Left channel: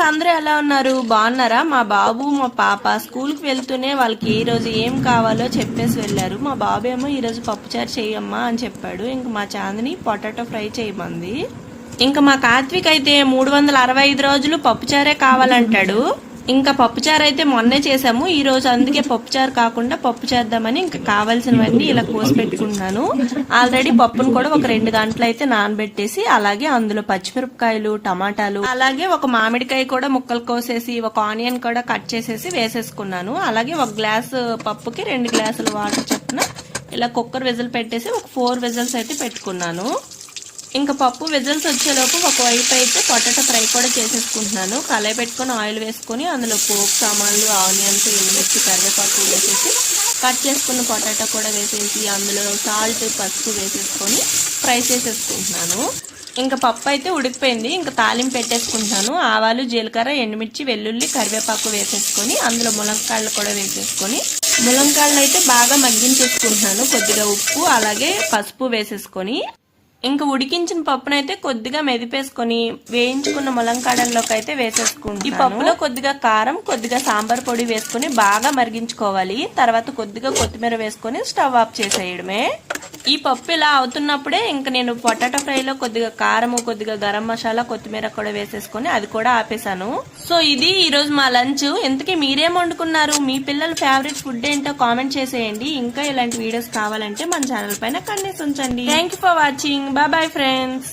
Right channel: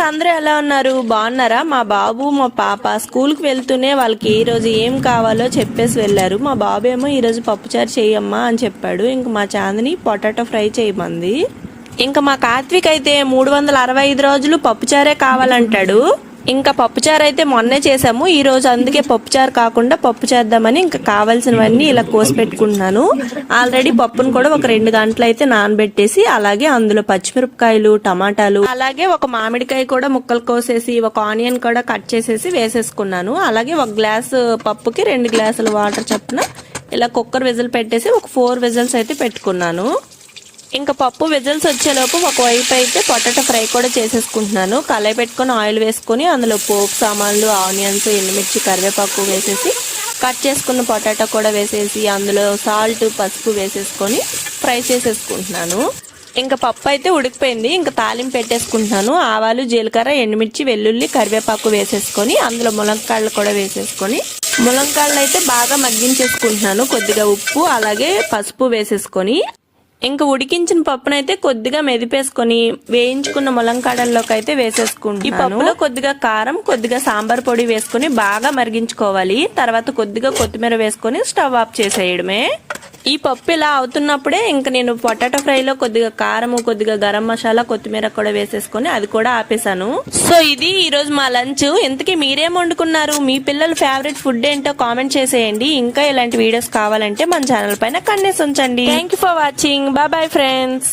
Friends, అందరూ ఎలా ఉన్నారు? బాగున్నారా? మా బాబు మా పాప స్కూల్ కి వెళ్తూనే వాళ్ళకి ఈ రోజు ఏం కావాలో చెప్పేసి వెళ్లారు. మా బాబు ఏమో ఈ రోజు పప్పుచారు చేయమ్మా అని చెప్పాడు. ఇంకా మా చాందిని పొటాటో ఫ్రై చేయమంది. ఇంకా మా కార్తీక్ అయితే 365 రోజులు పప్పుచారే కావాలంటాడు. ఇంకా పప్పుచారు అయితే మొన్నే చేసాము. ఈ రోజు అందుకే పప్పుచారు కాకుండా పప్పు చేద్దామని ఇంకా కావాల్సినవన్నీ ఇలా కోసి పెట్టుకుంటున్నాను. ఆల్రెడీ పప్పును కూడా ఒక 2 గంటలు అయితే నానబెట్టేసి, అలాగే అందులో పచ్చిమిరపకాయలు, టమాటాలు, అలాగే ఒక మామిడికాయ కూడా ముక్కలు కోసేసి, ఒక ఆనియన్ కూడా కట్ చేసేసి వేసేసుకున్నాను. అలాగే ఒక గ్లాసు పప్పుకి 2 గ్లాసుల వాటర్ చొప్పున ఇలా కుక్కర్ విజిల్ పెట్టేసి ఒక 4 విజిల్స్ అయితే పెట్టుకున్నాను. ఇంకా పప్పు విజిల్స్ వచ్చేలోపు ఒకవైపు అయితే పొటాటో ఫ్రై కూడా చేసేసుకుంటున్నాను. కళాయి పెట్టుకుని ఆయిల్ వేసుకుని అందులో పోపు సామాన్లు, ఆనియన్స్, ఎండుమిర్చి, కరివేపాకు వేసేసి కట్ చేసుకున్న పొటాటో కూడా వేసేసి అందులో సాల్ట్, పసుపు వేసేసుకొని ఫ్రై చేసేసుకుంటున్నాను. ఇంకా పప్పు అయితే ఉడికిపోయింది. ఇంకా తాలింపు పెట్టేసుకుంటున్నాను. ఆవాలు, జీలకర్ర, ఎండుమిర్చి, వెల్లుల్లి, కరివేపాకు వేసేసుకొని అందులో ములంకాయలు కూడా వేసేసుకొని ములంకాయలు అయితే బాగా మగ్గించేసుకుంటున్నాను. కొద్దిగా ఉప్పు అలాగే పసుపు వేసేసుకొని ఇంకా ఉడికించిన పప్పునైతే కొద్దిగా మెదిపేసుకొని వేయించుకున్న ములంకాడల్లోకి అయితే వేసేసుకుంటాను. ఈ పప్పులో కొద్దిగా కారం, కొద్దిగా సాంబార్ పొడి వేసుకుని బాగా మరిగించుకోవాలి. తర్వాత కొద్దిగా కొత్తిమీర వేసుకొని స్టవ్ ఆఫ్ చేసేయడమే. ఈ పప్పు ఇలా అవుతున్నప్పుడే ఇంకా నేను పొటాటో ఫ్రైలో కొద్దిగా కారం, కొద్దిగా గరం మసాలా, కొత్తిమీర కూడా వేసేసుకొని అది కూడా ఆపేసాను. సో ఇది ఈ రోజు మా లంచ్. ఇంతకీ మీరేం వండుకున్నారు? మీ పిల్లల ఫేవరెట్ ఫుడ్ ఏంటో కామెంట్ చేసేయండి. ఇంకా ఇలాంటి వీడియోస్ కావాలంటే మన ఛానల్ పైన కన్నేసి ఉంచండి. Thank you for watching. Bye bye friends.